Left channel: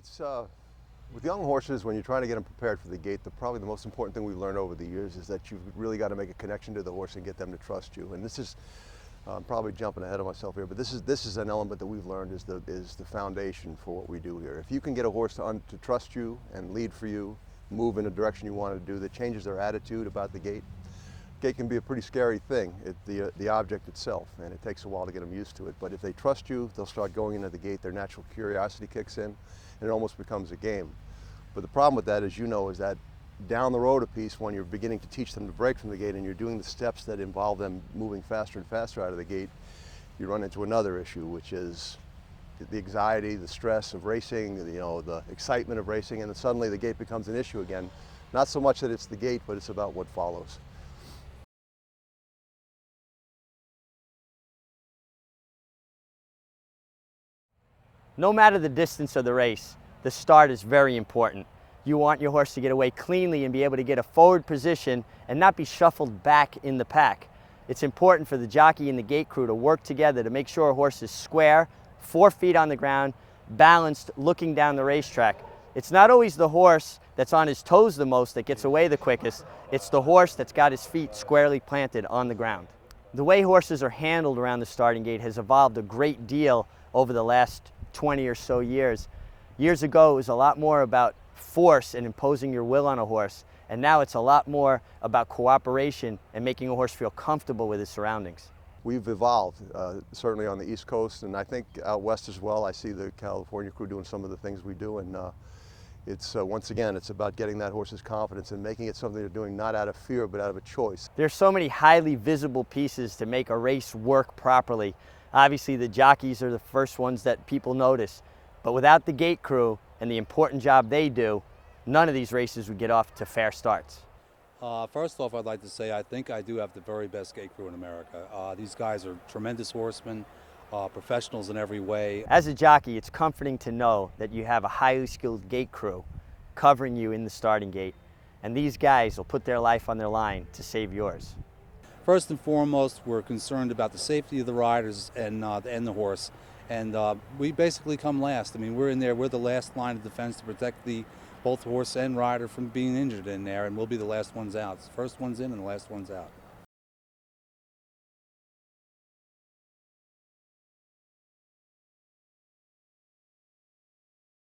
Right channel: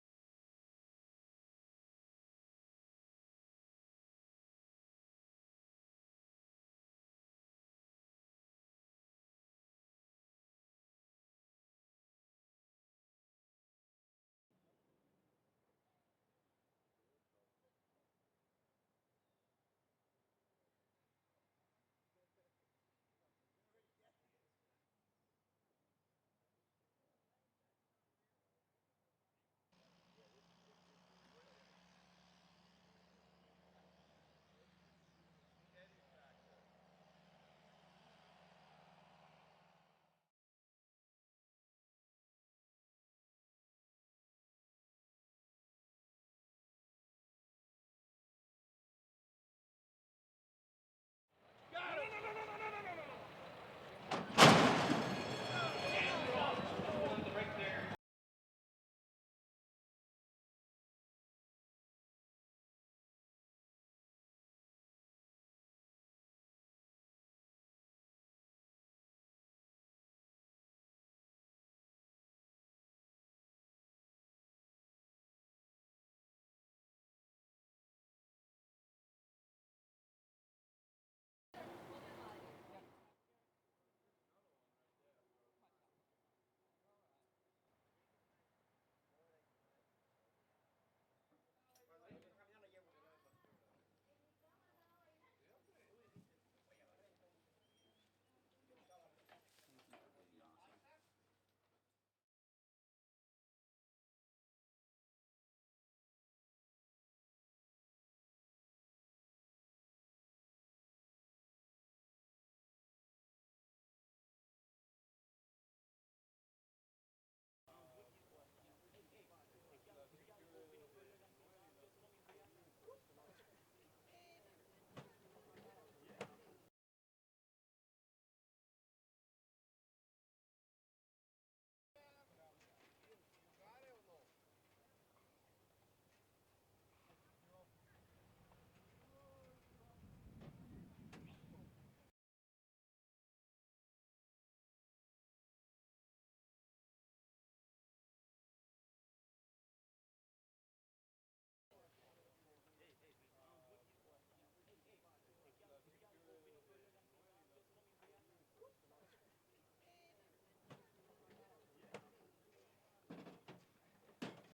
It's with young horses, when you're trying to get them prepared for the gate, probably the most important thing we've learned over the years is that you've really got to make a connection to the horse and get them to trust you. And this is probably jumping ahead of myself here, but this is an element that we've learned is the foundation for what we do here. If you can get a horse to trust you and lead for you, move in a direction you want to do, that changes their attitude about the gate. Gate can be a pretty scary thing, the object itself, and it takes a while to get them used to it. But if they trust you, they'll start going into the gate, their natural curiosity kicks in, and it almost becomes a game. But the problem with that, as you know, is that down the road a piece, when you're beginning to teach them to break from the gate and you're doing the steps that involve them moving faster and faster out of the gate, you run into another issue, which is the anxiety, the stress of racing, the excitement of racing, and then suddenly the gate becomes an issue again. Not so much that it's the gate, but it's about what follows. No matter the distance of the race, the start is very important. You want your horse to get away cleanly and be able to get a forward position and not be shuffled back in the pack. It's important for the jockey and the gate crew to work together to make sure a horse is square, 4 feet on the ground, balanced, looking down the racetrack. It's not always the horse that's on his toes the most that gets away the quickest. It's the horse that's got his feet squarely planted on the ground. The way horses are handled around the starting gate has evolved a great deal over the last 20 or so years. Years ago, it was a lot more about force and imposing your will on a horse, and now it's a lot more about cooperation and making a horse feel comfortable with his surroundings. We've evolved, certainly on the East Coast, and I think out west as well. I see the California crew doing some of the things we do, and it's once again, it's about getting that horse's confidence and making it something they're doing not out of fear, but out of a choice. There's so many highly visible pieces to make a race work properly. Obviously, the jockeys are the first ones that people notice, but without the gate crew and the important job they do, none of these races would get off to fair starts. First off, I'd like to say I think I do have the very best gate crew in America. These guys are tremendous horsemen, professionals in every way. As a jockey, it's comforting to know that you have a highly skilled gate crew covering you in the starting gate, and these guys will put their life on their line to save yours. First and foremost, we're concerned about the safety of the riders and the horse, and we basically come last. I mean, we're in there, we're the last line of defense to protect both horse and rider from being injured in there, and we'll be the last ones out. First one's in and the last one's out.